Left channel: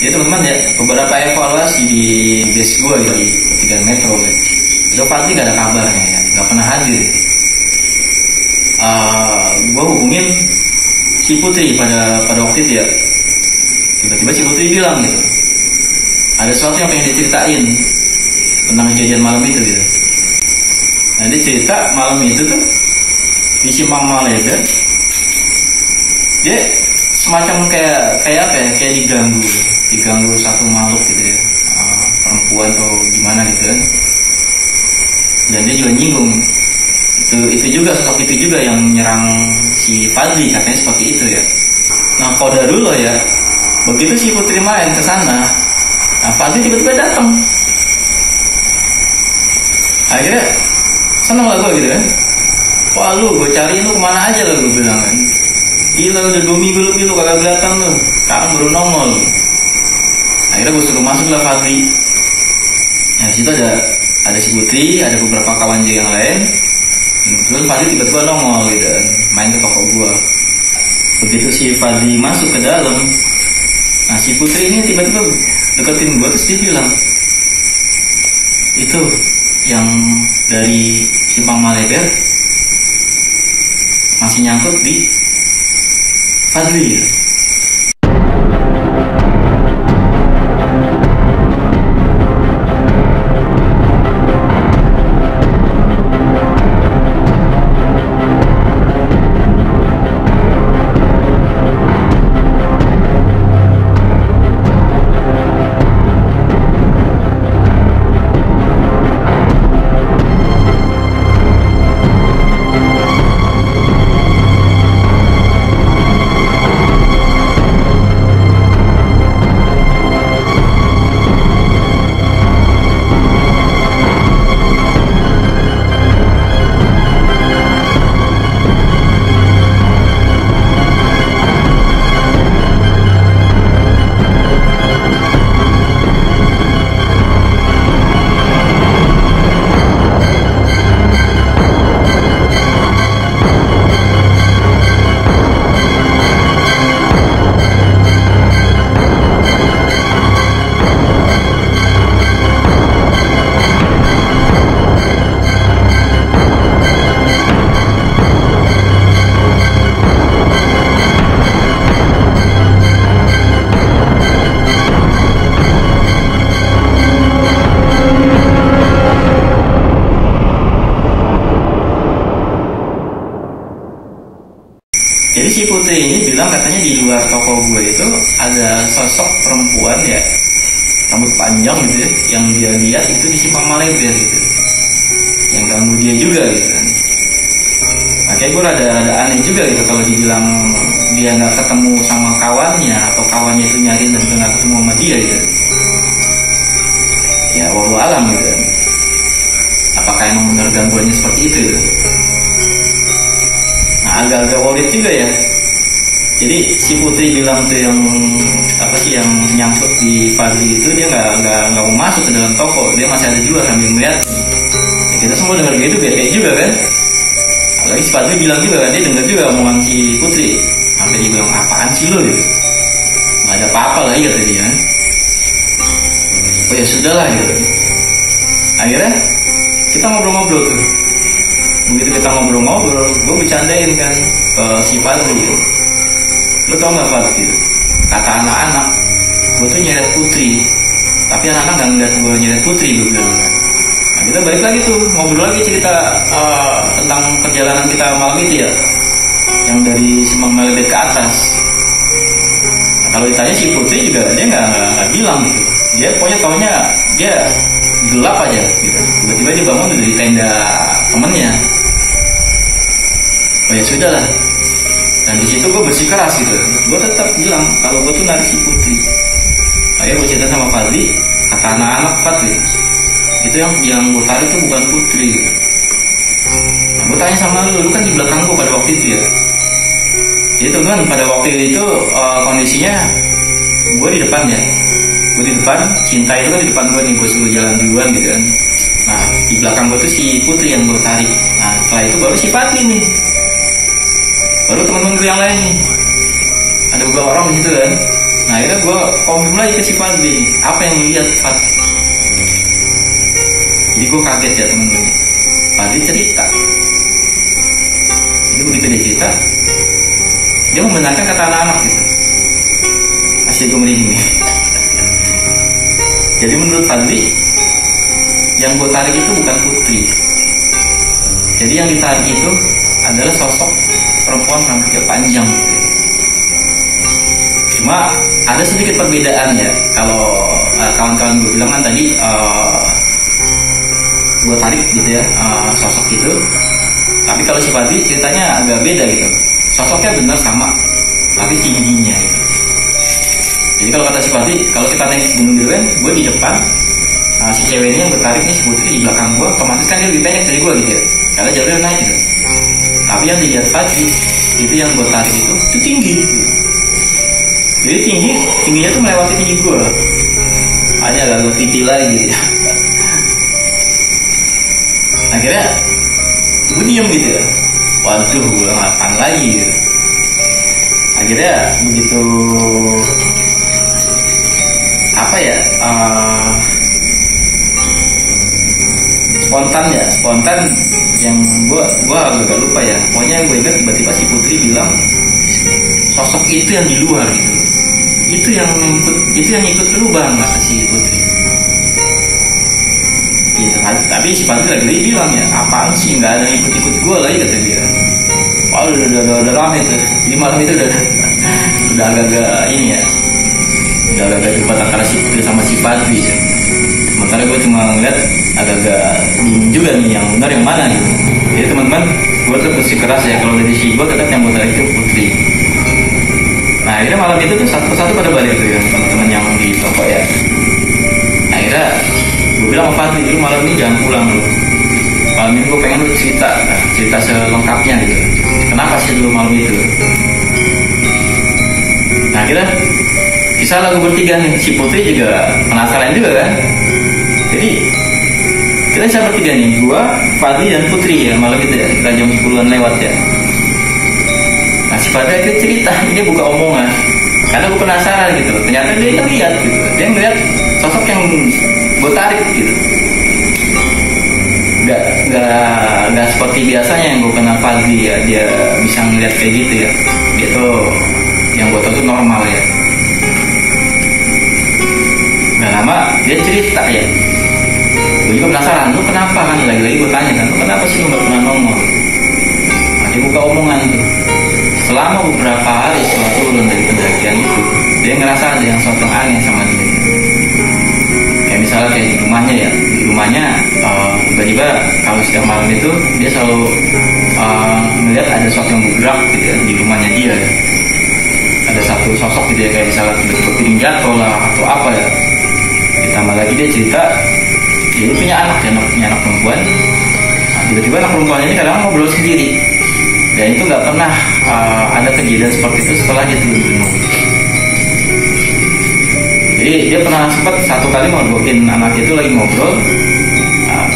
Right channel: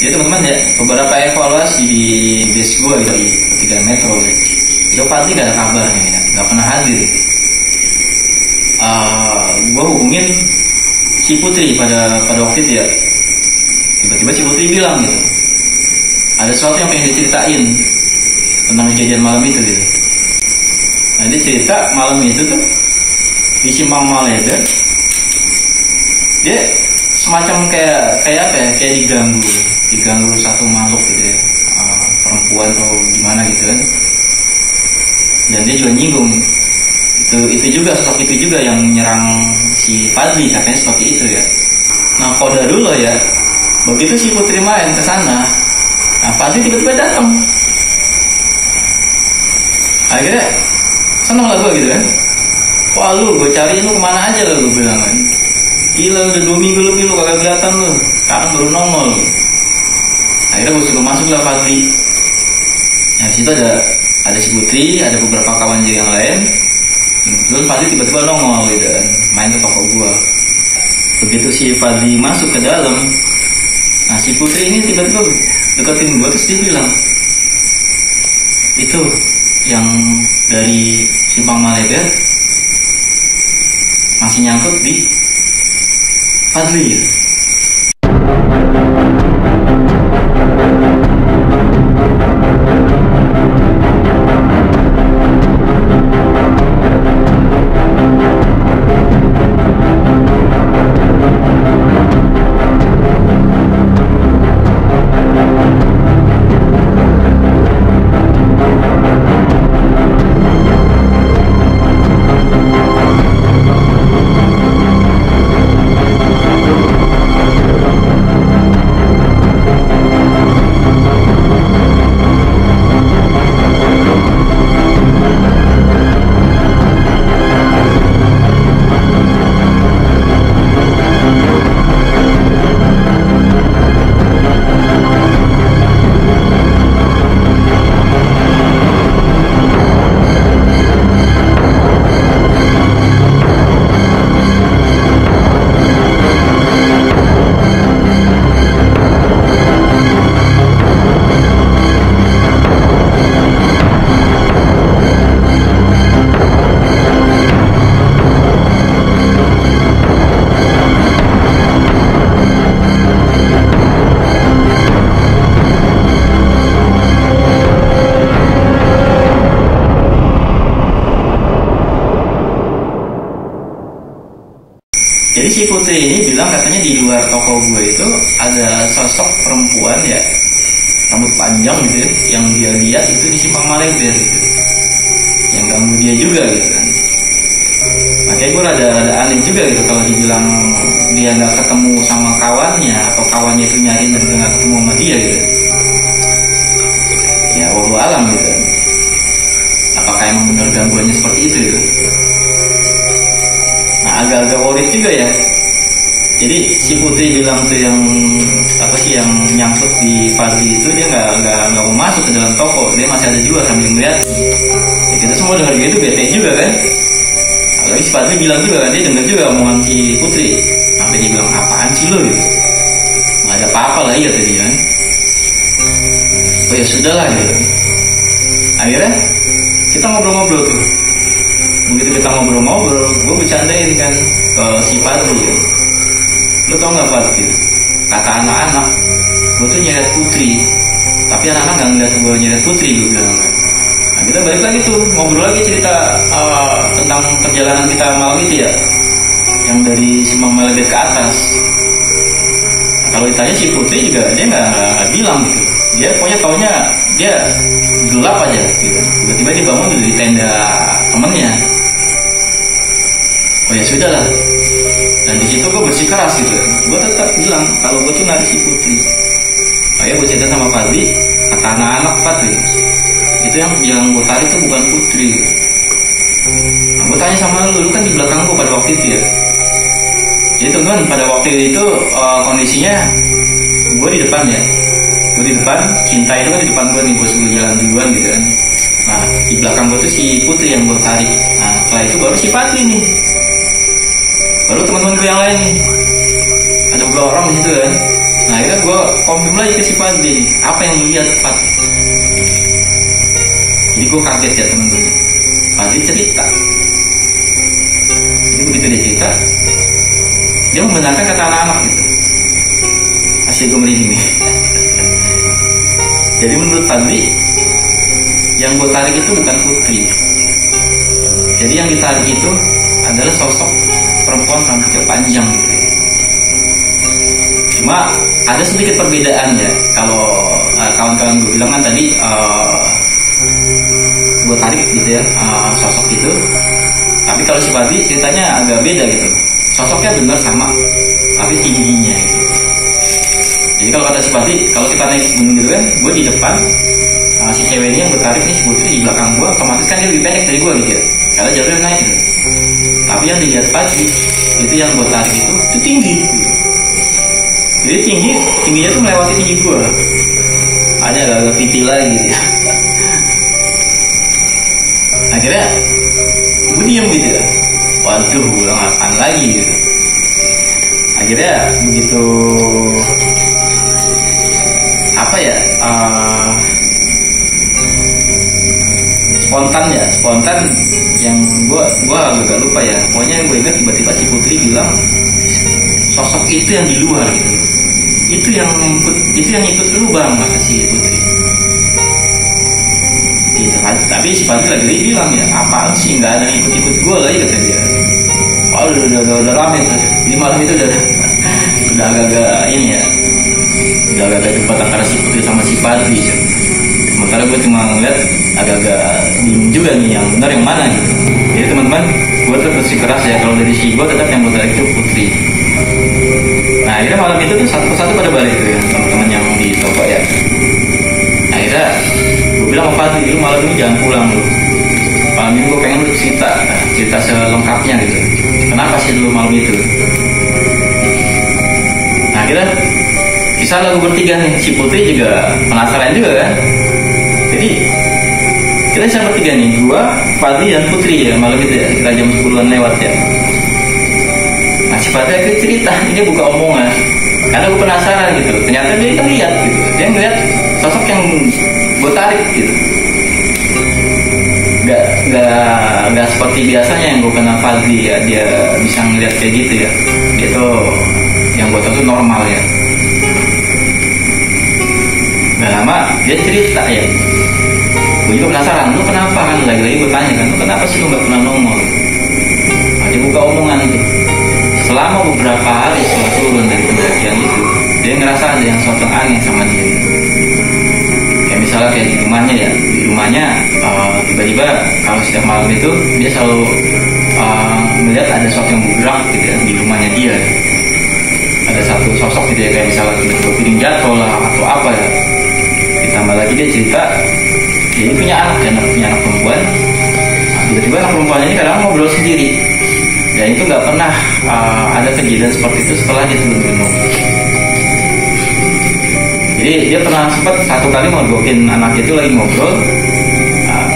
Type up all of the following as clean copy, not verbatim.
Jadi teman-teman ya, beberapa evaluasi di base gue gitu di 3 Metro ya. Itu Fadli gak ada kabarnya ya, gak pernah hadir. Gue hubungin si Putri pada waktu itu ya. Tiba-tiba si Putri bilang gitu, ada sesuatu yang pengen diceritain tentang kejadian malam itu gitu. Nah dia cerita malam itu tuh di Simpang Maleda, dia semacam kayak apa ya, kayak diganggu satu makhluk gitu ya, perempuan atau gimana gitu kan. Dan dia juga nyinggung itu juga, sosok itu juga yang menyerang si Fadli, katanya seperti itu ya. Nah kode dulu ya, begitu si Putri main ke sana, nah Fadli tiba-tiba datang. Akhirnya seneng lah gue gitu kan. Wah lu, gue cariin lu kemana aja lah, gue bilang kan. Gila udah 2 minggu lebih lu kagak kelihatan lu, sekarang baru nongol. Akhirnya gue suruh masuk lah Fadli. Nah disitu ada si Putri, ada beberapa kawan juga yang lain. Dan kebetulan Fadli tiba-tiba nongol gitu kan, main ke toko gue. Begitu si Fadli masuk ke dalam, nah si Putri ini tiba-tiba deketin gue, terus dia bilang, itu yang dari Simpang Maleda masih nyangkut di Fadli. Jadi si Putri ini bilang katanya di luar toko gue itu ada sosok perempuan ya, rambut panjang gitu ya, yang dia lihat itu di Simpang Maleda gitu, yang ganggu dia juga gitu kan. Makanya gue rada aneh juga gitu kalau dibilang dia nggak ketemu sama kawannya, atau kawannya itu nyariin dan nggak ketemu sama dia gitu. Ya wallahu alam gitu kan. Apakah emang benar gangguannya seperti itu gitu. Nah agak-agak worried juga ya. Jadi si Putri bilang tuh yang apa sih, yang nyangkut di Fadli itu dia nggak mau masuk ke dalam toko, dia masih ada di luar sambil ngeliat. Ya kita semua dengar gitu bete juga kan. Apalagi si Fadli bilang juga kan, dia dengar juga omongan si Putri, sampai dia bilang apaan sih lo gitu, nggak ada apa-apa lah ya tadi kan. Oh ya sudah lah gitu. Akhirnya kita ngobrol-ngobrol tuh. Begitu kita ngobrol-ngobrol, gue bercandain kan ke si Fadli gitu. Lo tau gak Fadli gitu, kata anak-anak gue tuh nyeret Putri, tapi anak-anak gak ngeliat gue nyeret Putri, gue bilang kan. Nah kita balik lagi tuh, ngobrol lagi cerita tentang perjalanan kita malam itu ya, yang dari Simpang Maleda ke atas. Nah, kalau ditanya si Putri juga dia gak bilang gitu. Dia pokoknya taunya dia gelap aja gitu. Tiba-tiba dia bangun dari tenda temennya. Oh ya sudah lah. Dan di situ gue bersikeras gitu. Gue tetap bilang kalau gue tuh narik si Putri. Akhirnya gue cerita sama Fadli, kata anak-anak Fadli, itu yang gue tarik tuh bukan Putri. Nah, gue tanya sama lu kan di belakang gue pada waktu itu ya. Jadi teman-teman pada waktu itu kondisinya gue di depan ya. Gue di depan, Cinta itu kan di depan gue nih, gue suruh jalan duluan gitu kan. Nah di belakang gue tuh si Putri yang gue tarik. Nah setelah itu baru si Fadli nih, baru teman-teman gue yang lain nih. Ada beberapa orang di situ kan. Nah akhirnya gue konfirm lagi ke si Fadli nih, apa yang lu lihat Fad? Jadi gue kaget ya temen-temen. Fadli cerita. Jadi begitu dia cerita, dia membenarkan kata anak-anak gitu. Asli gue merinding nih. Jadi menurut Fadli, yang gue tarik itu bukan Putri. Jadi yang ditarik itu adalah sosok perempuan rambutnya panjang gitu ya. Cuma ada sedikit perbedaan ya. Kalau kawan-kawan gue bilang kan tadi gue tarik gitu ya sosok itu. Tapi kalau si Fadli ceritanya agak beda gitu. Sosoknya benar sama, tapi tingginya gitu. Jadi kalau kata si Fadli, kalau kita naik gunung gitu kan, gue di depan, si cewek ini yang bertarik nih si Putri di belakang gue, otomatis kan dia lebih pendek dari gue gitu ya. Karena jalurnya naik gitu. Tapi yang dilihat Fadli itu yang gue tarik itu tinggi gitu. Jadi tingginya tuh melewati tinggi gue. Hanya agak VT lagi gitu ya. Akhirnya gue diem gitu ya. Waduh, gue ngapain lagi gitu. Akhirnya begitu apa ya, spontan yang gue agak lupa ya. Pokoknya yang gue ingat tiba-tiba si Putri bilang sosok itu yang di luar gitu. Itu yang ikut lu bang, kata si Putri. Gitu kan. Tapi si Fadli lagi bilang ya, apaan sih, nggak ada yang ikut gue lagi, kata dia. Wah udah lama itu. Di malam itu udah agak-agak ini ya. Udah agak debat antara si Putri sama si Fadli ya. Sementara gue cuma ngeliat agak-agak bingung juga nih yang benar yang mana gitu. Jadi teman-teman, gue tetap bersikeras ya, kalau dari si gue tetap yang gue tarik itu Putri. Nah akhirnya malam itu tuh satu persatu pada balik tuh ya teman-teman yang di toko ya. Akhirnya gue bilang sama Fadli, lu malam ini jangan pulang lu. Malam ini gue pengen lu cerita selengkapnya gitu. Kenapa sih dulu malam itu? Nah akhirnya kisah lagu bertiga nih, si Putri juga penasaran juga kan. Jadi kita bisa bertiga nih, gua, Fadli dan Putri ya malam itu ya, sekitar jam 10-an lewat ya. Nah si Fadli akhirnya cerita, dia buka omongan karena gue penasaran gitu. Ternyata dia lihat gitu, dia ngeliat sosok yang gue tarik gitu. Gak seperti biasanya yang gue kenal Fadli ya, dia bisa ngeliat kayak gitu ya. Dia tuh yang gue tahu tuh normal ya. Gak lama dia cerita ya, gue juga penasaran, lu kenapa kan, lagi-lagi gue tanya kan, lu kenapa sih lu gak pernah nongol? Nah, dia buka omongan tuh, selama beberapa hari setelah turun dari pendakian itu, dia ngerasa ada yang sesuatu aneh sama dia gitu. Kayak misalnya kayak di rumahnya tiba-tiba kalau setiap malam itu dia selalu melihat ada sesuatu yang bergerak gitu ya di rumahnya dia ya. Ada satu sosok gitu ya, kayak misalnya tiba-tiba piring jatuh lah atau apa ya. Ditambah lagi dia cerita dia punya anak perempuan. Nah, tiba-tiba anak perempuannya ini kadang ngobrol sendiri, dan itu nggak pernah ada kejadian seperti itu setelah dia turun gunung. Jadi dia pernah sempat satu kali ngobrolin anak itu lagi ngobrol,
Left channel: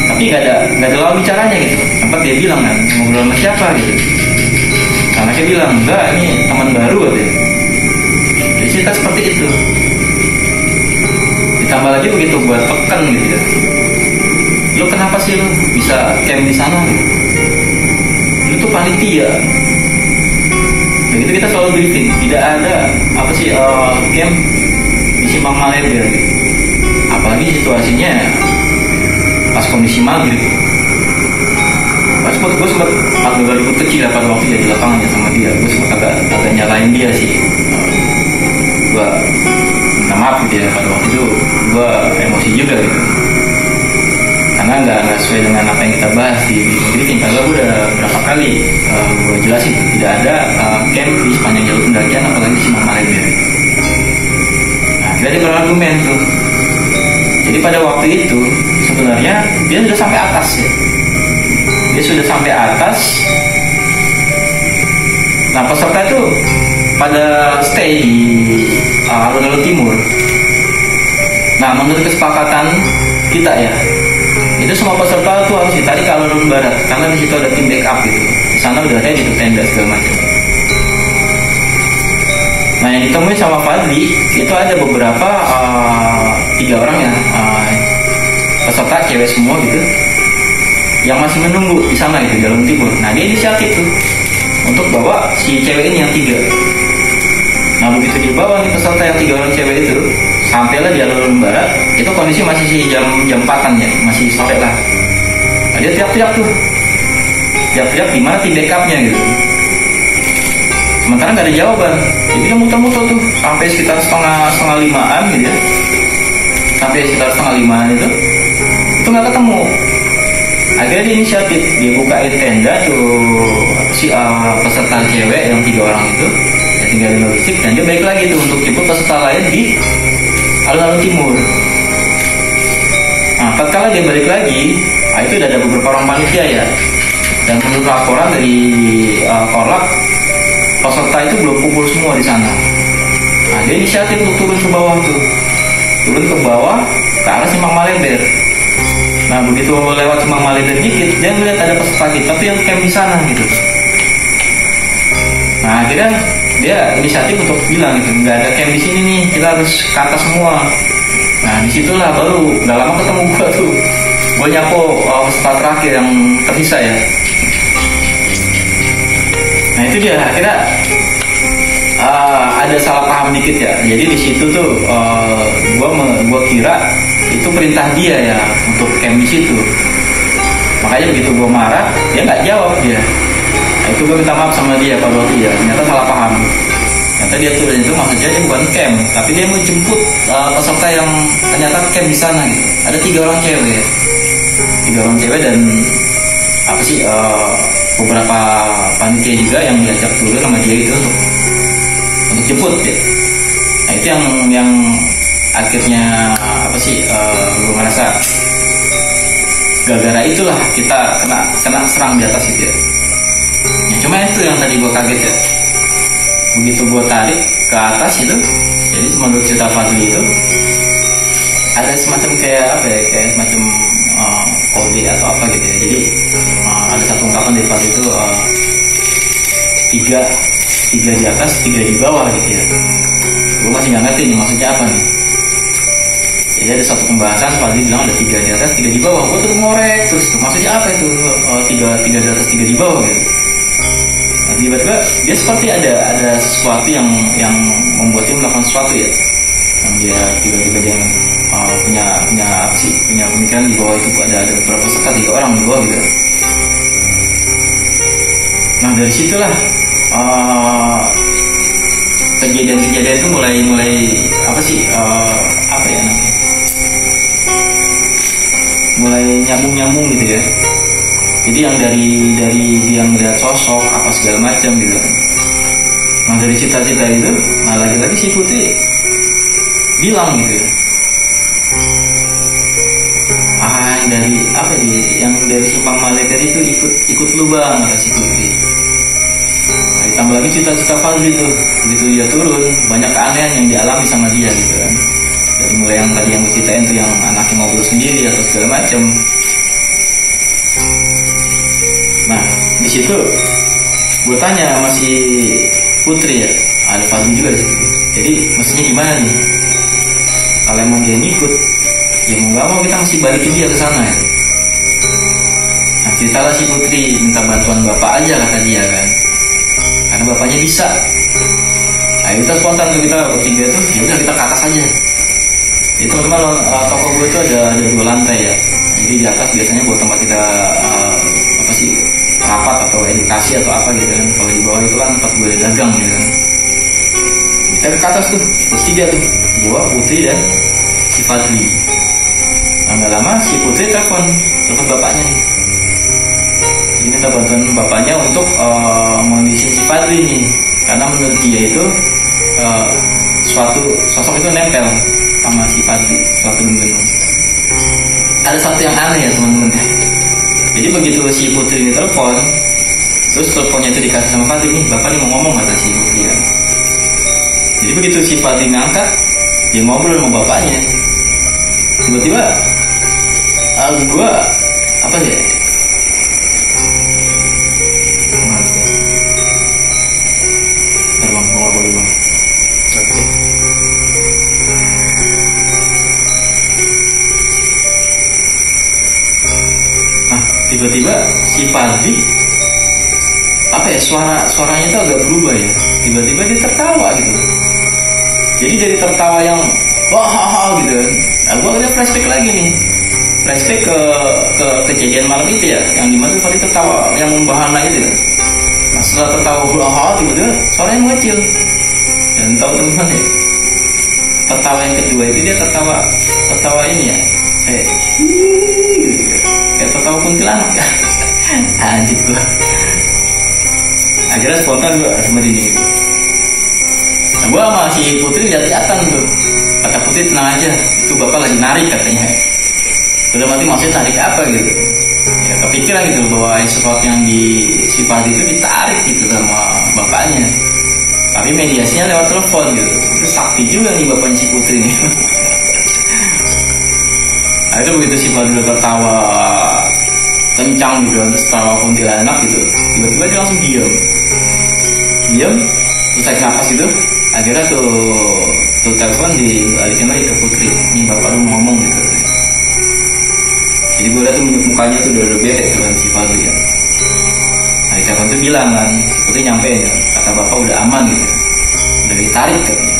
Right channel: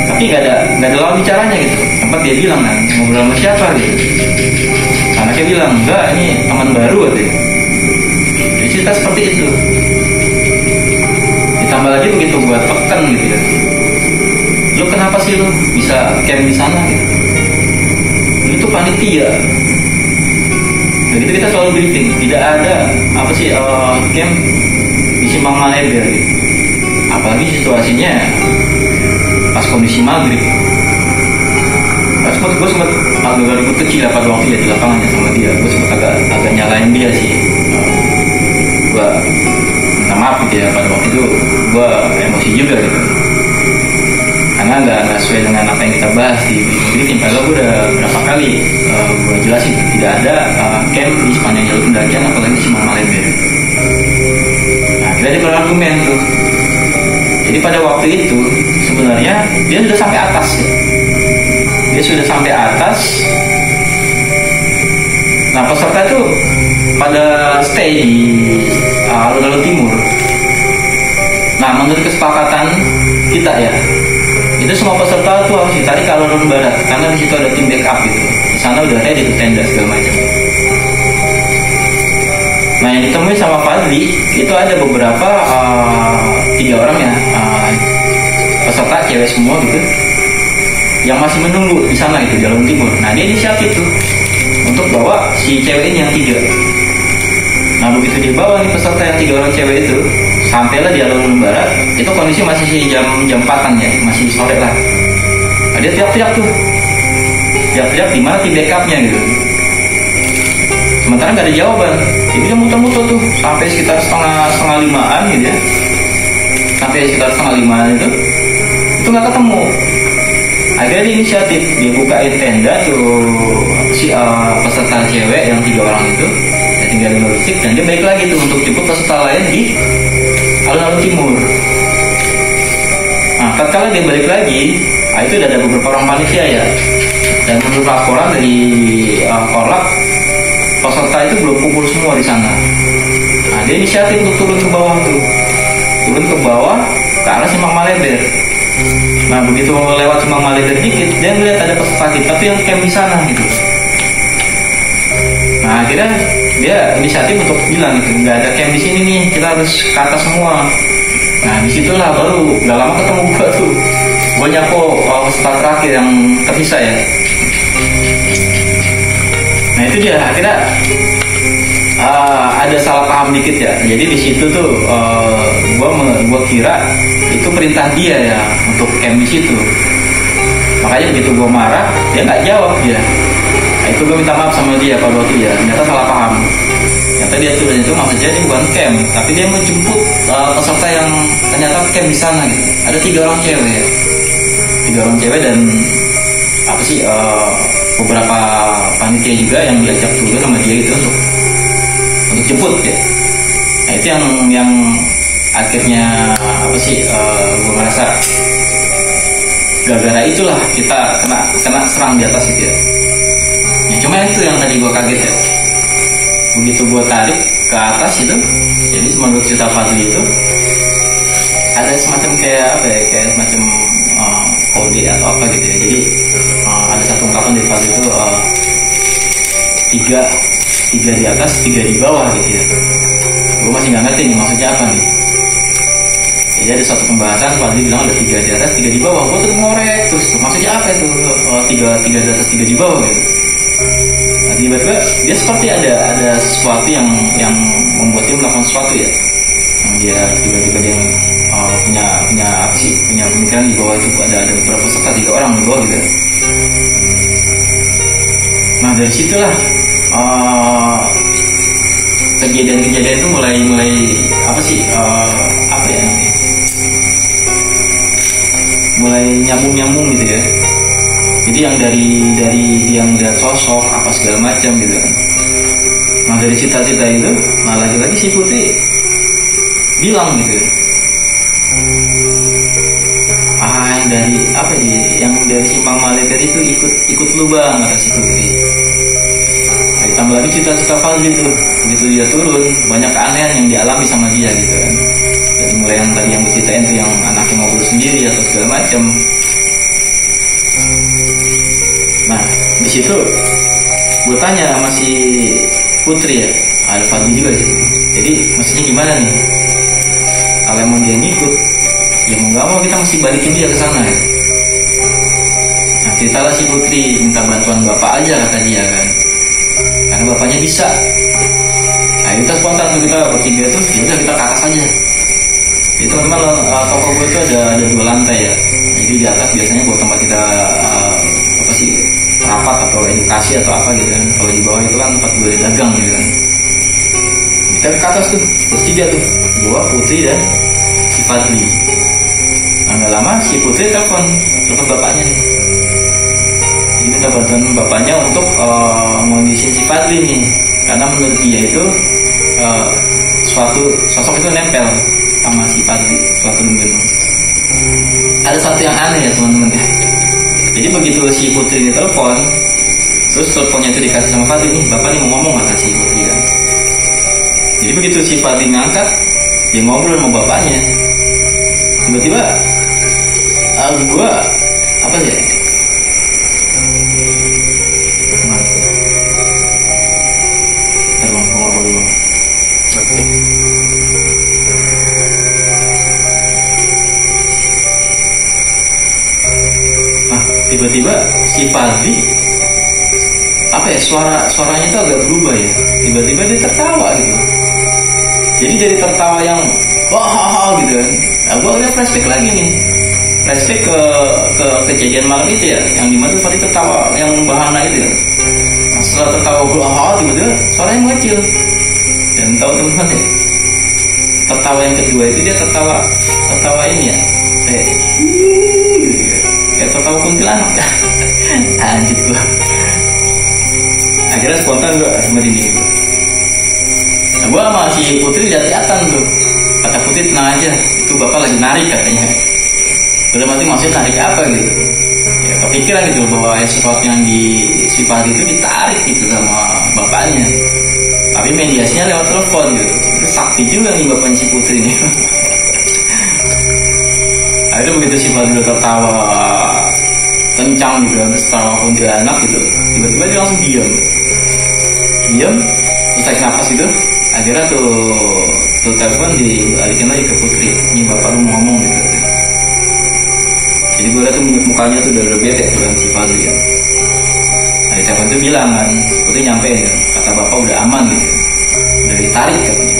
tapi nggak ada lawan bicaranya gitu. Sempat dia bilang kan, ngobrol sama siapa gitu. Anaknya bilang, enggak, ini teman baru katanya. Jadi cerita seperti itu. Ditambah lagi begitu buat tekan gitu ya, lu kenapa sih lu bisa camp di sana gitu? Lu tuh panitia. Begitu kita selalu briefing, tidak ada apa sih camp di Simpang Malebe gitu. Apalagi situasinya pas kondisi maghrib. Gue sempat agak ribut kecil pada waktu ya di lapangan ya sama dia. Gue sempat agak nyalain dia sih. Gue minta maaf gitu ya, pada waktu itu gue emosi juga gitu. Karena nggak sesuai dengan apa yang kita bahas di briefing. Padahal gue udah berapa kali gue jelasin tidak ada camp di sepanjang jalur pendakian, apalagi di Simpang Malebe. Nah akhirnya dia berargumen tuh. Jadi pada waktu itu sebenarnya dia sudah sampai atas ya. Dia sudah sampai atas. Nah peserta itu pada stay di alun-alun timur. Nah menurut kesepakatan kita ya, itu semua peserta tuh harus ditarik ke alun-alun barat, karena di situ ada tim backup gitu. Di sana udah ready tuh tenda segala macam. Nah yang ditemui sama Fadli itu ada beberapa 3 orang ya, peserta cewek semua gitu, yang masih menunggu di sana gitu, jalur timur. Nah dia inisiatif tuh untuk bawa si cewek ini yang 3. Nah begitu dia bawa nih peserta yang 3 orang cewek itu, sampailah di alun-alun barat. Itu kondisi masih jam 4-an ya, masih sore lah. Nah, dia teriak-teriak tuh, teriak-teriak di mana tim backupnya gitu. Sementara nggak ada jawaban, jadi dia muter-muter tuh sampai sekitar setengah 5-an gitu ya. Sampai sekitar setengah 5-an itu nggak ketemu. Akhirnya dia inisiatif, dia bukain tenda tuh peserta cewek yang 3 orang itu, ya tinggal di logistik, dan dia balik lagi tuh untuk jemput peserta lain di alun-alun timur. Nah, tatkala dia balik lagi, itu udah ada beberapa orang panitia ya. Dan menurut laporan dari Korlap, peserta itu belum kumpul semua di sana. Nah, dia inisiatif untuk turun ke bawah tuh, turun ke bawah ke arah Simpang Maleber. Nah, begitu lewat Simpang Maleber dikit, dia ngeliat ada peserta kita tuh yang camp di sana gitu. Nah, akhirnya dia inisiatif untuk bilang gitu, nggak ada camp di sini nih, kita harus ke atas semua. Nah, disitulah baru nggak lama ketemu gua tuh. Gua nyapo peserta terakhir yang tersisa ya. Nah itu dia, akhirnya ada salah paham dikit ya. Jadi di situ tuh gua kira itu perintah dia ya untuk camp di situ. Makanya begitu gua marah, dia nggak jawab dia. Nah, itu gua minta maaf sama dia Pak Boti ya. Ternyata salah paham. Ternyata dia turun itu maksudnya dia bukan camp, tapi dia mau jemput peserta yang ternyata camp di sana gitu. Ada 3 orang cewek ya. 3 orang cewek dan beberapa panitia juga yang diajak turun sama dia itu untuk jemput ya. Nah itu yang akhirnya gue merasa gara-gara itulah kita kena serang di atas itu ya. Ya cuma itu yang tadi gue kaget ya. Begitu gue tarik ke atas itu, jadi menurut cerita Fadli itu ada semacam kayak semacam kode atau apa gitu ya. Jadi ada satu ungkapan dari Fadli itu 3 di atas, 3 di bawah gitu ya. Gue masih nggak ngerti nih maksudnya apa nih. Jadi ada satu pembahasan Fadli bilang ada 3 di atas, 3 di bawah. Gue terus ngorek terus maksudnya apa itu 3 di atas, 3 di bawah gitu. Nah, tiba-tiba dia seperti ada sesuatu yang membuat dia melakukan sesuatu ya. Yang dia tiba-tiba dia punya pemikiran di bawah itu ada beberapa peserta 3 orang di bawah gitu. Nah dari situlah kejadian-kejadian itu mulai mulai nyambung gitu ya. Jadi yang dari dia melihat sosok apa segala macam gitu. Nah dari cita-cita itu, nah lagi-lagi si Putri bilang gitu. Yang dari Simpang Maleber itu ikut lu bang, kata si Putri. Nah, ditambah lagi cita-cita Fadli tuh, begitu dia turun banyak keanehan yang dialami sama dia gitu kan. Dari mulai yang tadi yang gue ceritain tuh yang anaknya ngobrol sendiri atau segala macam. Nah di situ gue tanya sama si Putri ya, ada Fadli juga sih. Jadi maksudnya gimana nih? Kalau emang dia ngikut, ya mau nggak mau kita mesti balikin dia ke sana ya. Nah ceritalah si Putri minta bantuan bapak aja kata dia kan, karena bapaknya bisa. Nah kita spontan tuh kita bertiga tuh, ya udah kita ke atas aja. Jadi teman-teman toko gue tuh ada 2 lantai ya. Jadi di atas biasanya buat tempat kita rapat atau edukasi atau apa gitu kan. Kalau di bawah itu kan tempat gue dagang gitu kan. Kita ke atas tuh bertiga tuh, gue, Putri dan si Fadli. Nah gak lama si Putri telepon bapaknya nih. Jadi minta bantuan bapaknya untuk mengondisiin si Fadli nih, karena menurut dia itu suatu sosok itu nempel sama si Fadli, suatu minggu. Ada satu yang aneh ya teman-teman ya. Jadi begitu si Putri ini telepon, terus teleponnya itu dikasih sama Fadli, nih bapak nih mau ngomong kata si Putri ya. Jadi begitu si Fadli ngangkat, dia ngobrol sama bapaknya. Tiba-tiba gue Terbang ngobrol dulu. tiba-tiba si Fadli apa ya, suaranya tuh agak berubah ya, tiba-tiba dia tertawa gitu. Jadi dari tertawa yang wah gitu kan, nah gue udah flashback lagi nih, flashback ke kejadian malam itu ya, yang dimana tuh Fadli tertawa yang bahana itu ya. Nah setelah tertawa wah tiba-tiba suaranya mengecil. Dan tahu teman-teman ya, tertawa yang kedua itu dia tertawa ini ya, kayak gitu ya, kayak tertawa kuntilanak ya. Anjir gue. Akhirnya spontan gue sama Dini gitu. Nah gue sama si Putri lihat-lihatan tuh. Kata Putri tenang aja, itu bapak lagi narik katanya. Udah mati maksudnya narik apa gitu. Ya kepikiran gitu bahwa sesuatu yang di sifat itu ditarik gitu sama bapaknya. Tapi mediasinya lewat telepon gitu. Itu sakti juga nih bapaknya si Putri nih. Nah itu begitu si Fadli tertawa kencang gitu, terus tertawa kuntilanak gitu, tiba-tiba dia langsung diam, terus tarik napas gitu. Akhirnya tuh telepon dibalikin lagi ke Putri, ini bapak lu mau ngomong gitu. Jadi gue liat tuh mukanya tuh udah bete tuh kan si Fadli kan. Nah di telepon tuh bilang kan, si Putri nyampein ya, kata bapak udah aman gitu, udah ditarik katanya.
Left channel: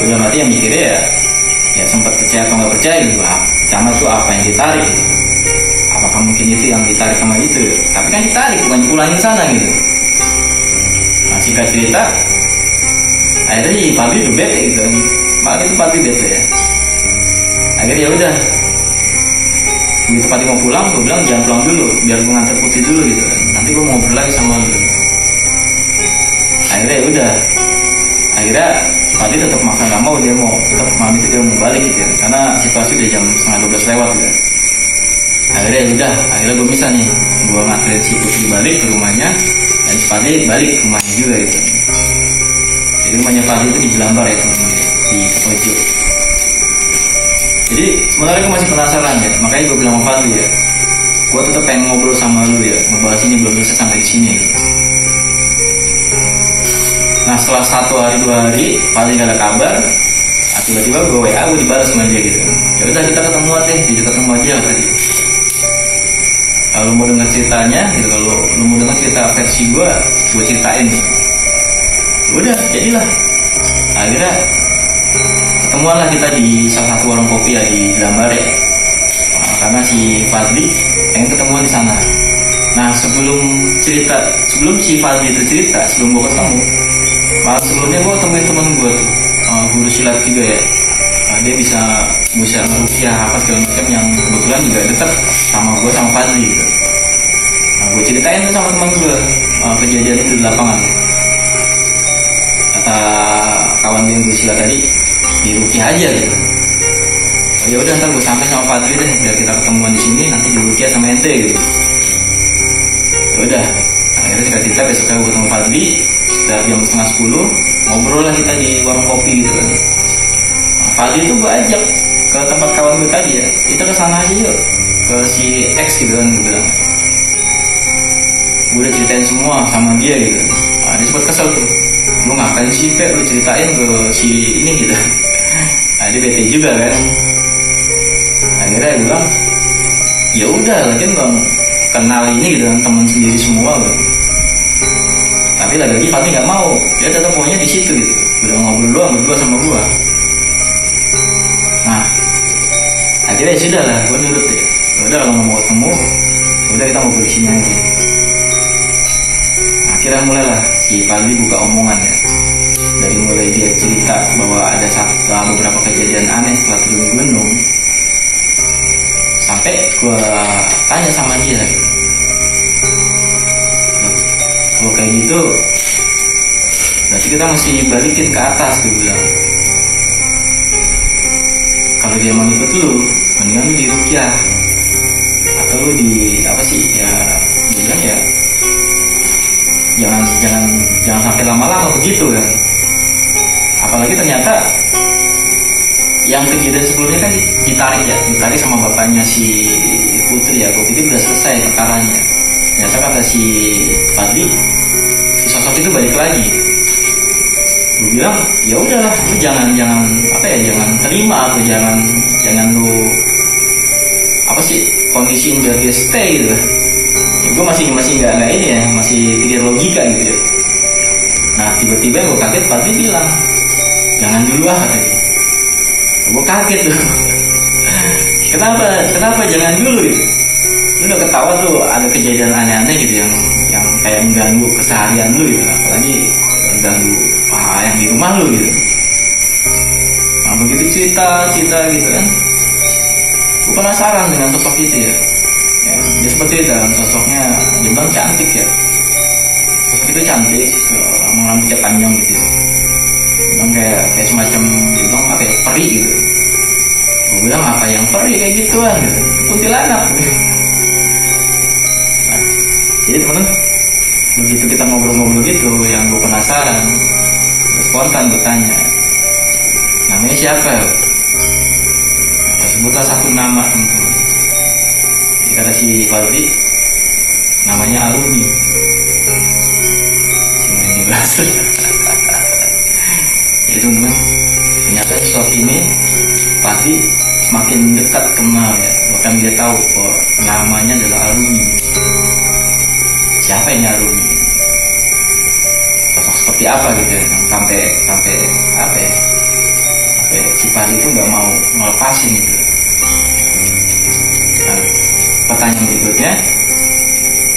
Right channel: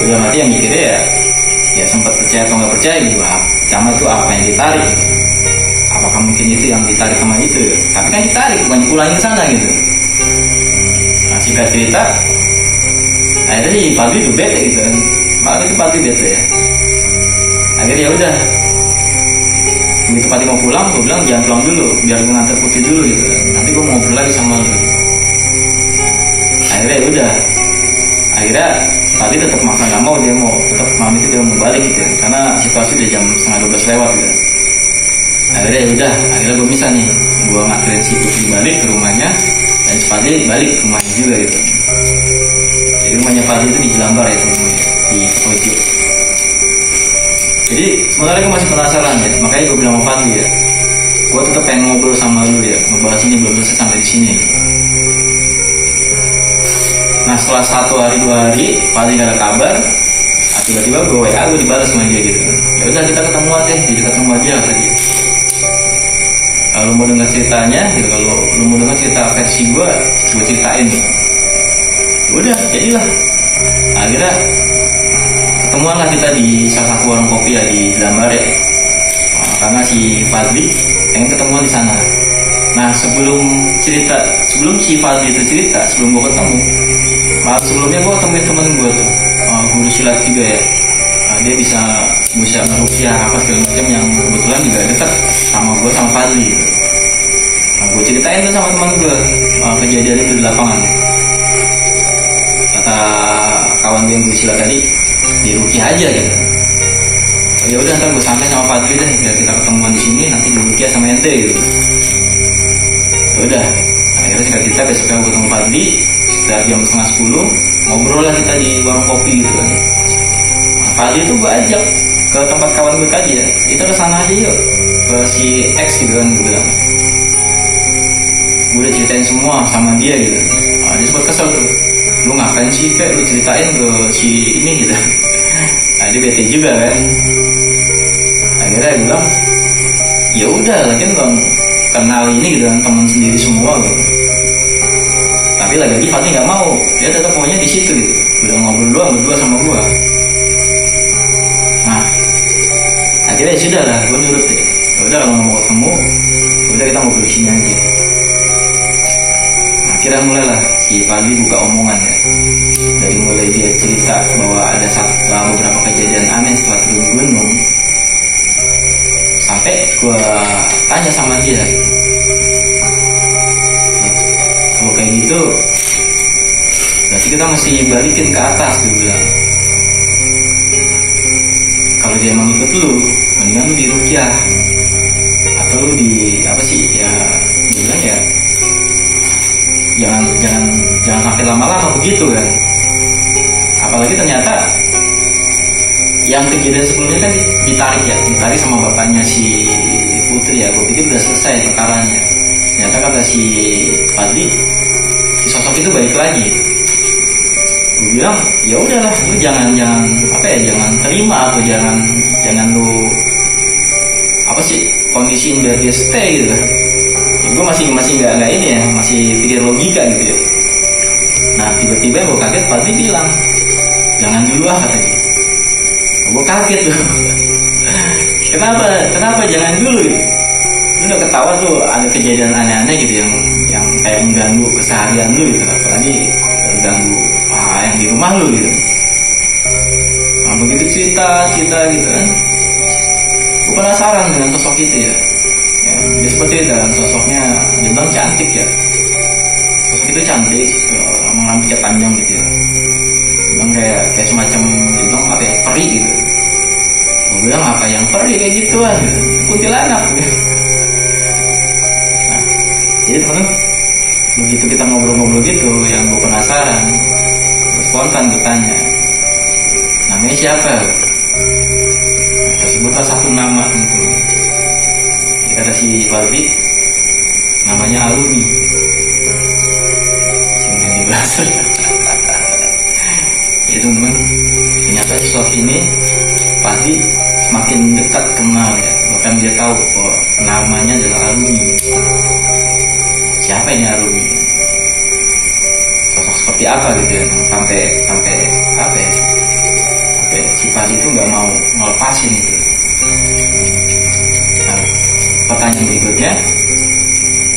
Udah mati yang mikirnya ya sempat percaya atau nggak percaya gitu, sama tuh apa yang ditarik gitu. Apakah mungkin itu yang ditarik sama itu? Tapi kan ditarik, bukan dipulangin ke sana gitu. Nah singkat cerita, akhirnya si Fadli tuh bete gitu kan. Malah itu Fadli bete ya. Akhirnya ya udah. Begitu Fadli mau pulang, gue bilang jangan pulang dulu, biar gue nganter Putri dulu gitu kan. Nanti gue mau ngobrol lagi sama lu. Akhirnya ya udah. Akhirnya Fadli tetap maksa nggak mau, dia mau tetap malam itu dia mau balik gitu ya. Karena situasi udah jam 11:30 lewat gitu. Akhirnya ya udah, akhirnya gue bisa nih, gue nganterin si Putri balik ke rumahnya dan si Fadli balik ke rumahnya juga gitu. Jadi rumahnya Fadli itu di Jelambar ya teman-teman, di Petojo. Jadi sebenarnya gue masih penasaran ya, makanya gue bilang sama Fadli ya, gue tetap pengen ngobrol sama lu ya, ngebahas ini belum selesai sampai di sini gitu. Nah setelah 1 hari 2 hari Fadli gak ada kabar, tiba-tiba gue WA, gue dibalas sama dia gitu. Ya udah kita ketemuan deh di dekat rumah dia tadi. Kalau mau dengar ceritanya gitu, kalau lu mau dengar cerita versi gue ceritain gitu. Udah jadilah. Akhirnya ketemuan lah kita di salah satu warung kopi ya di Jelambar ya. Nah, karena si Fadli pengen ketemuan di sana. Nah sebelum si Fadli itu cerita, sebelum gue ketemu, malam sebelumnya gue temuin temen gue tuh, guru silat juga ya. Dia bisa ngerukiah apa segala macam yang kebetulan juga dekat sama gue sama Fadli gitu. Nah gue ceritain tuh sama teman gue kejadian itu di lapangan ya. Kata kawan gue yang guru silat tadi, dirukiah aja gitu. Oh ya udah ntar gue sampai sama Fadli deh, biar kita ketemuan di sini nanti dirukiah sama ente gitu. Ya udah, akhirnya singkat cerita besoknya gue ketemu Fadli sekitar jam 9:30, ngobrol lah kita di warung kopi gitu kan. Fadli itu gue ajak ke tempat kawan gue tadi ya, kita kesana aja yuk, ke si X gitu kan gue bilang. Gue udah ceritain semua sama dia gitu. Nah, dia sempat kesel tuh, lu ngapain sih Pe, lu ceritain ke si ini gitu. Nah dia bete juga kan. Akhirnya gue bilang ya udah, lagian bang kenal ini gitu kan, teman sendiri semua gitu. Tapi lagi-lagi Fadli nggak mau, dia tetap maunya di situ gitu, udah ngobrol doang berdua sama gue. Nah akhirnya ya sudah lah, gue nurut ya. Udah kalau mau ketemu, udah kita ngobrol di sini aja. Nah, akhirnya mulailah si Fadli buka omongan ya. Dari mulai dia cerita bahwa ada beberapa kejadian aneh setelah turun gunung, sampai gue tanya sama dia, kalau kayak gitu berarti kita mesti balikin ke atas, gue bilang. Kalau dia mau ikut lu, mendingan lu dirukiah atau lu di apa sih ya, bilang ya jangan sampai lama-lama begitu kan. Apalagi ternyata yang kejadian sebelumnya kan ditarik sama bapaknya si Putri ya. Gue pikir udah selesai perkaranya. Ternyata kata si Fadli, si sosok itu balik lagi. Gue bilang ya udahlah, lu jangan apa ya, jangan terima atau jangan lu apa sih kondisiin biar dia stay gitu. Ya, gue masih nggak ini ya, masih pikir logika gitu ya. Nah tiba-tiba gue kaget, Fadli bilang jangan dulu katanya. Gue kaget tuh. Kenapa jangan dulu gitu? Lu udah ketawa tuh ada kejadian aneh-aneh gitu yang kayak mengganggu keseharian lu gitu, apalagi mengganggu yang di rumah lu gitu. Nah begitu cerita gitu kan, gue penasaran dengan sosok itu ya. Dia seperti itu kan sosoknya, dia bilang cantik ya. Sosok itu cantik, mengambil panjang gitu ya. Dia bilang kayak semacam, dia bilang apa ya, peri gitu. Gue bilang apa yang peri kayak gituan gitu, kuntilanak gitu. Nah, jadi teman-teman, begitu kita ngobrol-ngobrol gitu, yang gue penasaran, gue spontan gue tanya, namanya siapa? Nah, tersebutlah satu nama teman-teman. Jadi kata si Fadli, namanya Aluni. Kemudian dibahas. Jadi teman-teman, ternyata sosok ini Fadli semakin dekat kenal ya. Bahkan dia tahu bahwa namanya adalah Aluni. Siapa ini Aluni? Sosok seperti apa gitu ya, yang sampai apa ya? Sampai si Fadli itu nggak mau ngelepasin gitu. Nah, pertanyaan berikutnya,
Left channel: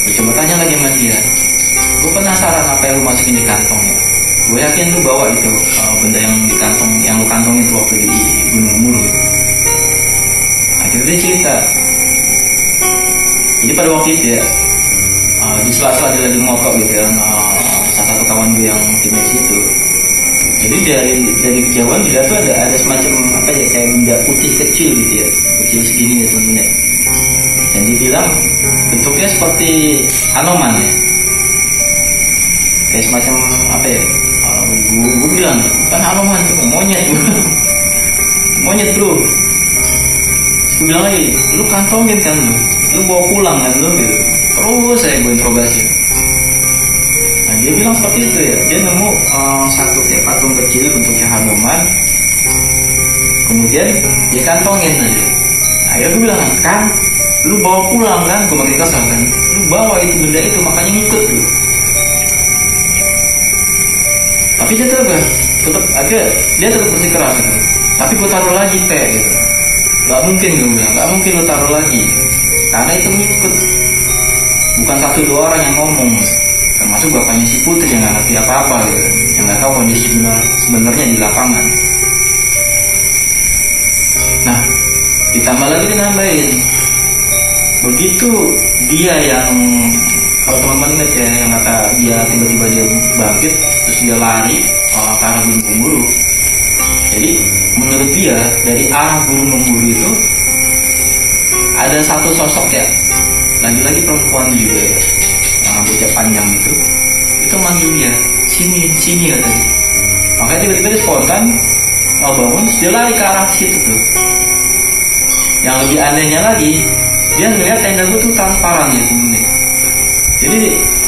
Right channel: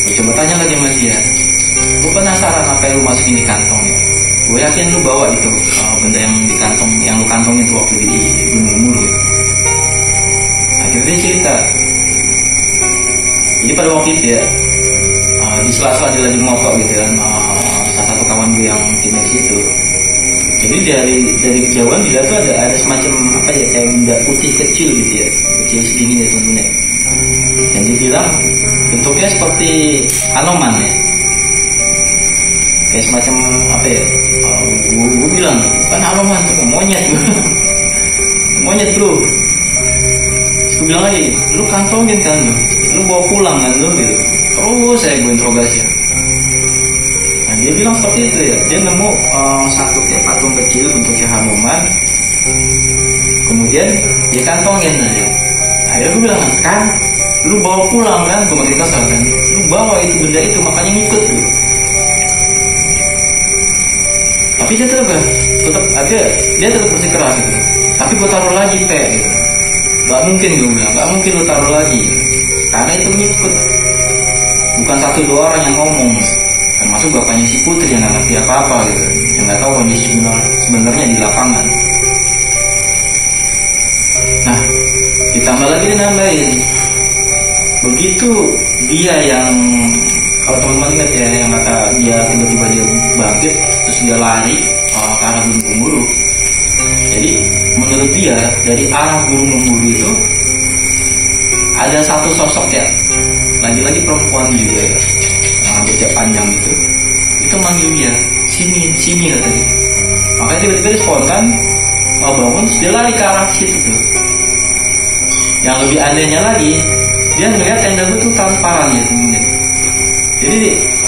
gue coba tanya lagi sama dia. Gue penasaran apa yang lu masukin di kantongnya. Gue yakin lu bawa itu benda yang di kantong, yang lu kantong itu waktu di Gunung Mulu. Akhirnya dia cerita. Jadi pada waktu itu ya, di sela-sela dia lagi moto gitu ya, salah satu kawan gue yang timnya situ. Jadi dari kejauhan dilihat tuh ada semacam apa ya, kayak benda putih kecil gitu ya, kecil segini ya temen-temen. Dan dia bilang bentuknya seperti Anoman ya, kayak semacam apa ya, gue bilang kan Anoman tuh monyet. Monyet bro. Terus gue bilang lagi, lu kantongin kan lu bawa pulang kan lu gitu. Terus gue interogasi. Nah dia bilang seperti itu ya, dia nemu satu kayak patung kecil bentuknya Hanuman, kemudian dia kantongin aja. Akhirnya gue bilang kan, lu bawa pulang kan, gue makin kesal kan, lu bawa itu benda itu makanya ngikut tuh. Tapi dia tetap akhirnya dia tetap bersikeras gitu. Tapi gue taruh lagi gitu. Gak mungkin gue bilang, gak mungkin lu taruh lagi, karena itu ngikut. Bukan satu dua orang yang ngomong, termasuk bapaknya si Putri yang nggak ngerti apa-apa gitu, yang nggak tahu kondisi sebenarnya di lapangan. Nah, ditambah lagi dia nambahin, begitu dia yang, kalau teman-teman ingat ya, yang kata dia tiba-tiba dia bangkit terus dia lari ke arah Gunung Gemuruh. Jadi menurut dia dari arah Gunung Gemuruh itu ada satu sosok ya, lagi-lagi perempuan juga ya, yang rambutnya panjang itu manggil dia, sini katanya. Makanya tiba-tiba dia spontan mau bangun, terus dia lari ke arah situ tuh. Yang lebih anehnya lagi, dia ngeliat tenda gue tuh transparan gitu. Jadi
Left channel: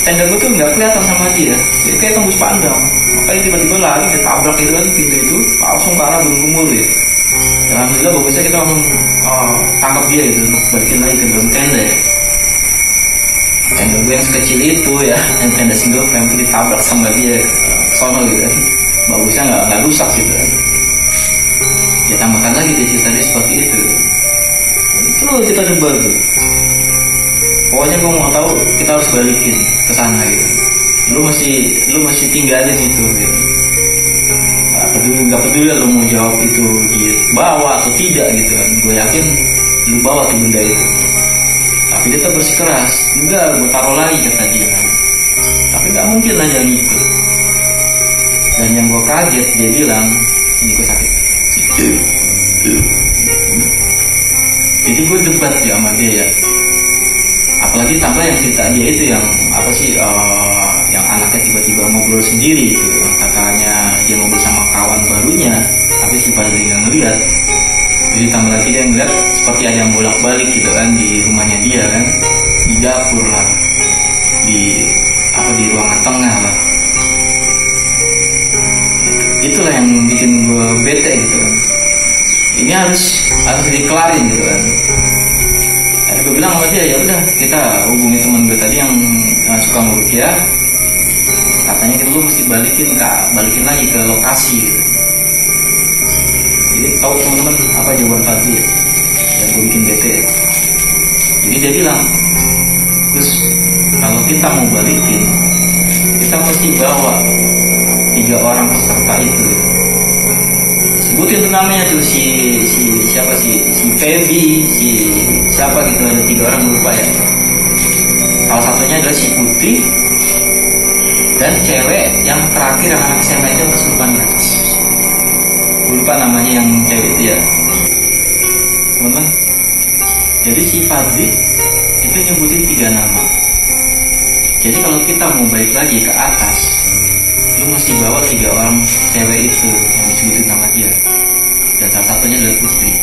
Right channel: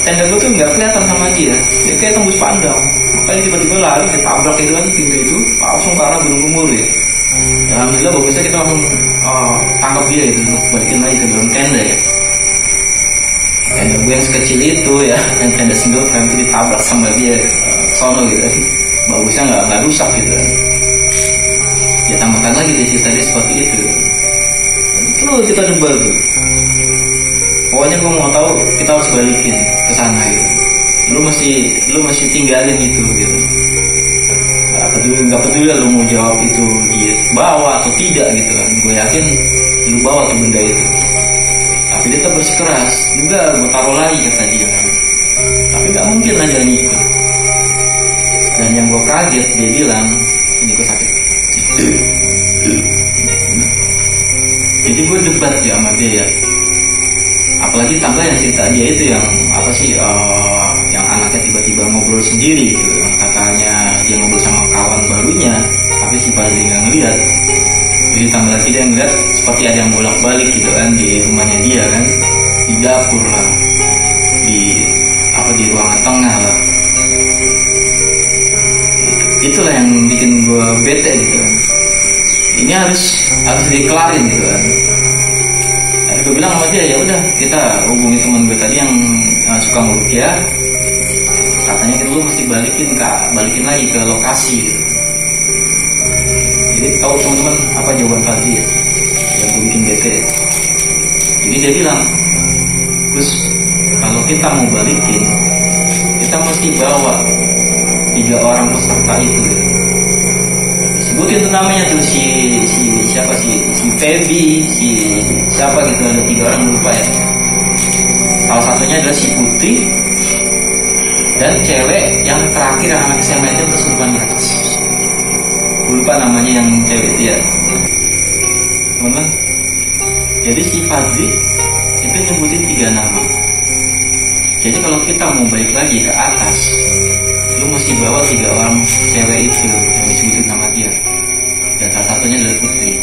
tenda gue tuh nggak kelihatan sama dia kayak tembus pandang. Makanya tiba-tiba lari, dia tabrak itu kan pintu itu, langsung ke arah Gunung Gemuruh ya. Alhamdulillah bagusnya kita langsung tangkap dia itu untuk balikin lagi ke dalam tenda ya. Tenda gue yang sekecil itu ya, dan tenda single frame itu ditabrak sama dia sono gitu. Bagusnya nggak rusak gitu. Dia tambahkan lagi dia cerita dia seperti itu. Itu kita coba tuh. Pokoknya gue mau tahu, kita harus balikin ke sana gitu. Lu mesti tinggalin itu gitu. Gak peduli lu mau jawab itu dia bawa atau tidak gitu kan. Gue yakin lu bawa tuh benda itu. Tapi dia tetap bersikeras, enggak, gue taruh lagi kata dia kan. Tapi gak mungkin lah dia ngikut. Dan yang gue kaget, dia bilang, ini gue sakit. Jadi gue debat ya sama dia ya. Apalagi tambah yang cerita dia itu yang apa sih, yang anaknya tiba-tiba ngobrol sendiri gitu. Katanya dia ngobrol sama kawan barunya, tapi si Fadli nggak ngeliat. Jadi tambah lagi dia ngeliat seperti ada yang bolak-balik gitu kan di rumahnya dia kan, di dapur lah, di ruangan tengah lah. Itulah yang bikin gue bete gitu kan. Ini harus dikelarin gitu kan. gue bilang sama dia, ya udah kita hubungi teman gue tadi yang suka ngurukia, katanya kita lu mesti balikin lagi ke lokasi gitu. Jadi tahu teman-teman apa jawaban Fadli ya, yang gue bikin bete ya. Jadi dia bilang, Gus, kalau kita mau balikin, kita mesti bawa 3 orang peserta itu gitu. Sebutin tuh namanya tuh si Feby, si siapa gitu, ada 3 orang lupa ya. Salah satunya adalah si Putri dan cewek yang terakhir yang anak SMA itu kesurupan di atas. Gue lupa namanya yang cewek itu ya, teman-teman. Jadi si Fadli itu nyebutin 3 nama. Jadi kalau kita mau balik lagi ke atas, lu mesti bawa 3 orang cewek itu yang disebutin nama dia, dan salah satunya adalah Putri.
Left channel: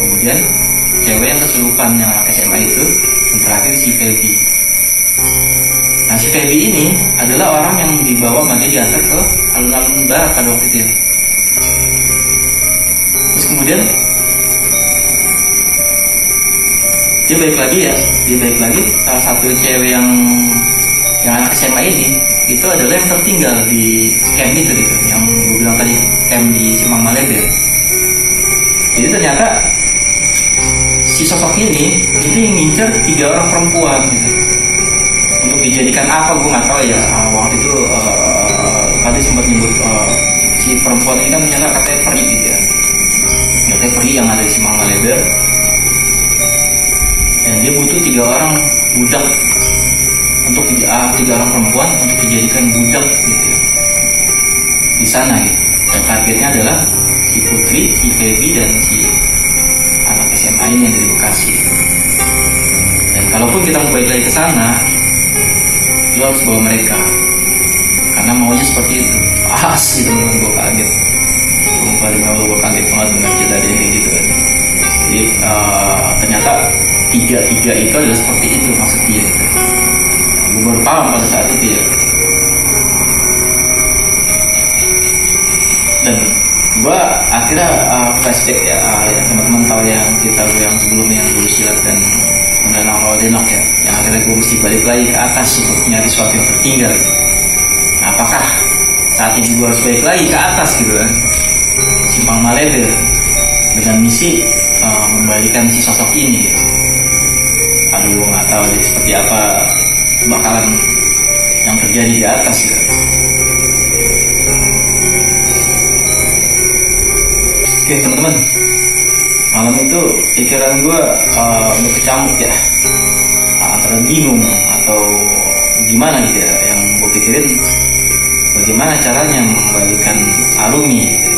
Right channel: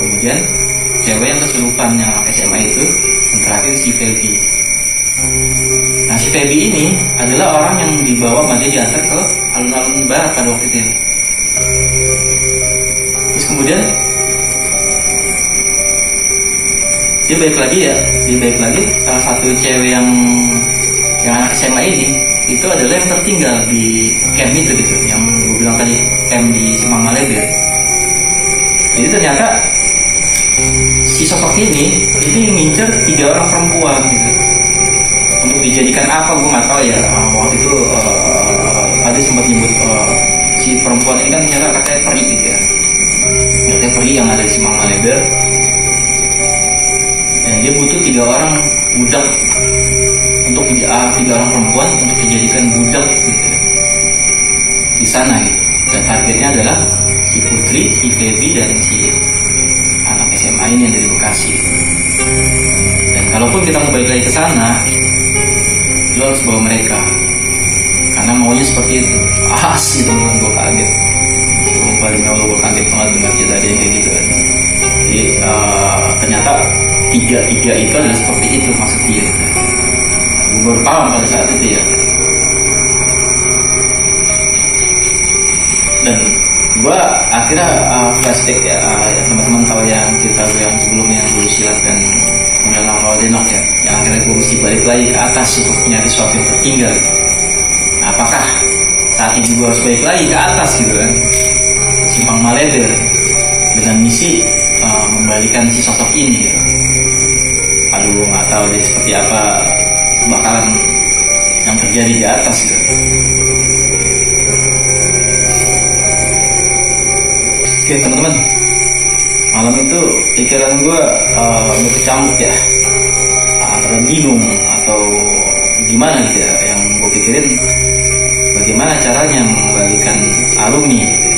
Kemudian cewek yang kesurupan yang anak SMA itu, dan terakhir si Feby. Nah si Feby ini adalah orang yang dibawa sama dia diantar ke alun-alun barat pada waktu itu ya. Terus kemudian dia balik lagi salah satu cewek yang anak SMA ini itu adalah yang tertinggal di camp itu gitu, yang gue bilang tadi, camp di Simpang Malebe. Jadi ternyata si sosok ini ngincer 3 orang perempuan gitu untuk dijadikan apa gue nggak tahu ya. Waktu itu tadi sempat nyebut si perempuan ini kan ternyata katanya peri gitu ya, katanya peri yang ada di Simpang Malebe, dan dia butuh 3 orang budak untuk 3 orang perempuan untuk dijadikan budak gitu ya, di sana gitu. Dan targetnya adalah si Putri, si Feby, dan si anak SMA ini yang dari Bekasi. Dan kalaupun kita mau balik lagi ke sana, lo harus bawa mereka, karena maunya seperti itu. Asli teman-teman, gue kaget. Sumpah demi Allah, gue kaget banget dengan kejadian kayak gitu kan. Jadi ternyata 3 itu adalah seperti itu maksud dia gitu. Gue baru paham pada saat itu ya. Dan gue akhirnya flashback ya, teman-teman tahu yang cerita gue yang sebelumnya, yang dulu silat dan mengenal kalau denok ya, yang akhirnya gue mesti balik lagi ke atas untuk nyari sesuatu yang tertinggal gitu. Nah, apakah saat ini gue harus balik lagi ke atas gitu kan, Simpang Malebe, dengan misi membalikan si sosok ini gitu. Aduh, gue nggak tahu deh seperti apa bakalan yang terjadi di atas gitu. Oke teman-teman, malam itu pikiran gue berkecamuk ya, antara bingung atau gimana gitu ya. Yang gue pikirin bagaimana caranya mengembalikan Arumi gitu,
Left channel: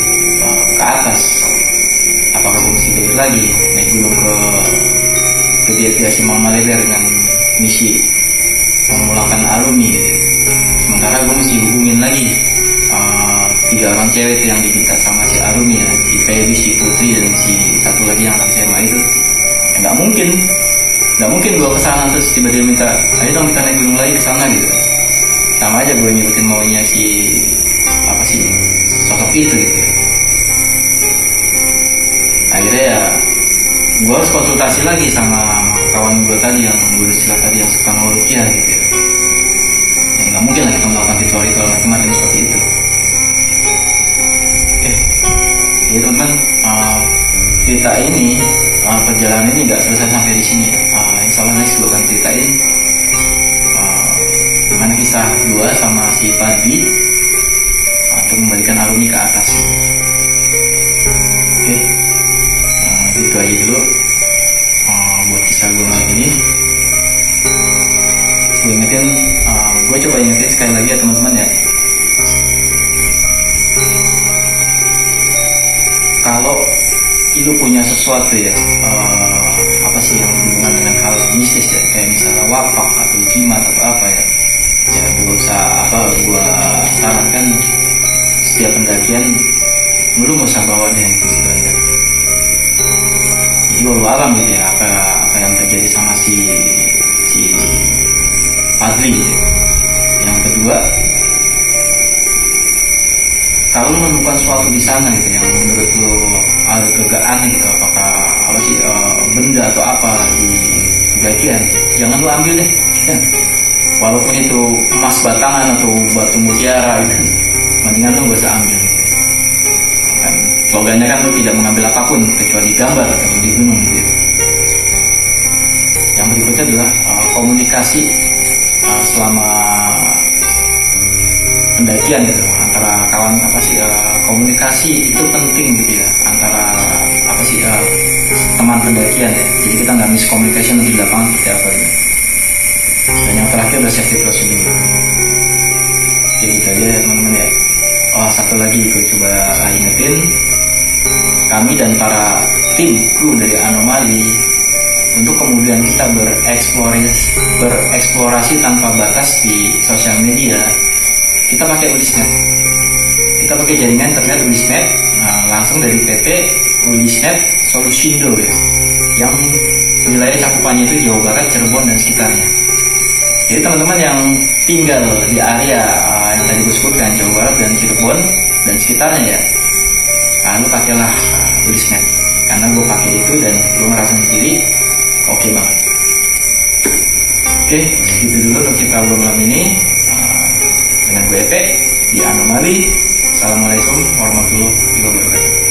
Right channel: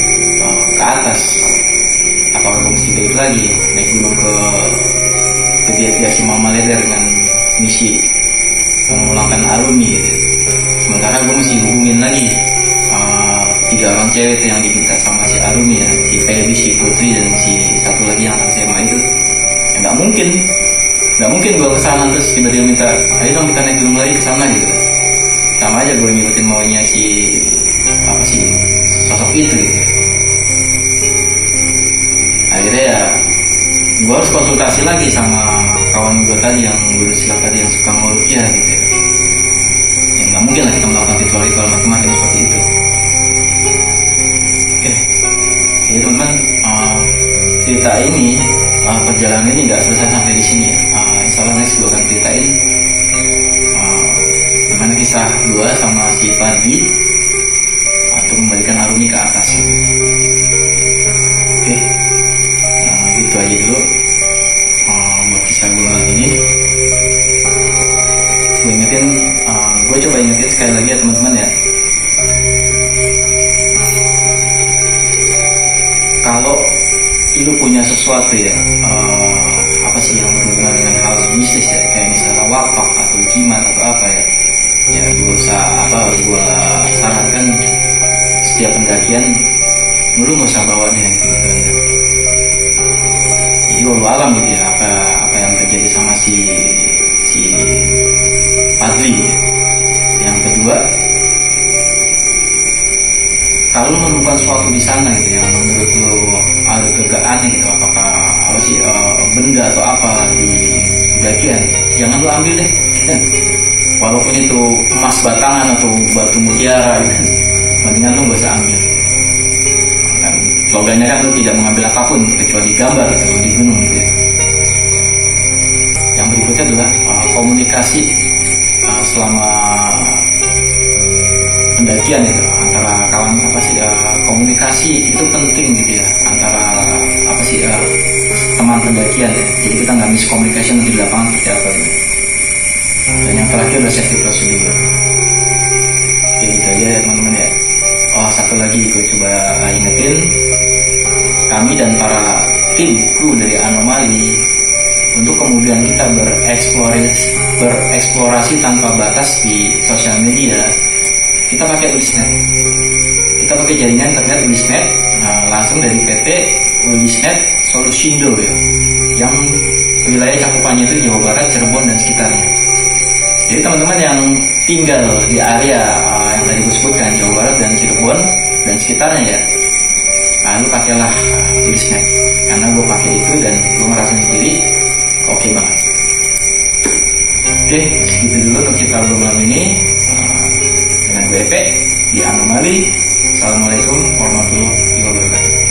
ke atas. Apakah gue mesti balik lagi naik gunung ke dia Simpang Malebe dengan misi memulangkan Arumi gitu. Sementara gue mesti hubungin lagi 3 orang cewek itu yang diminta sama si Arumi ya, si Feby, si Putri, dan si satu lagi yang anak SMA itu. Ya nggak mungkin gue kesana terus tiba-tiba minta, ayo dong kita naik gunung lagi kesana gitu. Sama aja gue ngikutin maunya si sosok itu gitu. Akhirnya ya gue harus konsultasi lagi sama kawan gue tadi yang guru silat tadi yang suka ngurukia gitu ya. Ya nggak mungkin lah kita melakukan ritual-ritual macam-macam seperti itu. Oke, jadi teman-teman, cerita ini, perjalanan ini nggak selesai sampai di sini ya. Insya Allah next gue akan ceritain gimana kisah gue sama si Fadli untuk membalikan Arumi ke atas. Oke, gitu aja dulu buat kisah gue malam ini. Gue coba ingetin sekali lagi ya teman-teman ya. Kalau lu punya sesuatu ya, yang berhubungan dengan hal mistis ya, kayak misalnya wakaf atau jimat atau apa ya gue sarankan setiap pendakian lu nggak usah bawa deh gitu kan. Jadi walau alam gitu ya, apa yang terjadi sama si Fadli gitu. Yang kedua, kalau lu menemukan sesuatu di sana gitu yang menurut lu agak aneh gitu, apakah benda atau apa di pendakian, jangan lu ambil deh. Walaupun itu emas batangan atau batu mutiara gitu, mendingan lu gak usah ambil gitu. Kan slogannya kan lu tidak mengambil apapun kecuali gambar atau di gunung gitu ya. Yang berikutnya adalah komunikasi selama pendakian gitu, antara kawan komunikasi itu penting gitu ya, antara teman pendakian ya. Jadi kita nggak miscommunication di lapangan seperti apa gitu. Dan yang terakhir adalah safety proceeding. Jadi gitu aja ya teman-teman ya. Satu lagi gue coba ingetin, kami dan para tim kru dari Anomali untuk kemudian kita bereksplorasi tanpa batas di sosial media, kita pakai Ulisnet. Kita pakai jaringan internet Ulisnet, langsung dari PT Ulisnet Solusindo ya, yang wilayah cakupannya itu Jawa Barat, Cirebon dan sekitarnya. Jadi teman-teman yang tinggal di area yang tadi gue sebutkan, Jawa Barat dan Cirebon dan sekitarnya ya, lu pakailah Ulisnet, karena gue pakai itu dan gue ngerasa sendiri oke banget. Oke, gitu dulu untuk kita malam ini dengan gue Epe di Anomali. Assalamualaikum warahmatullahi wabarakatuh.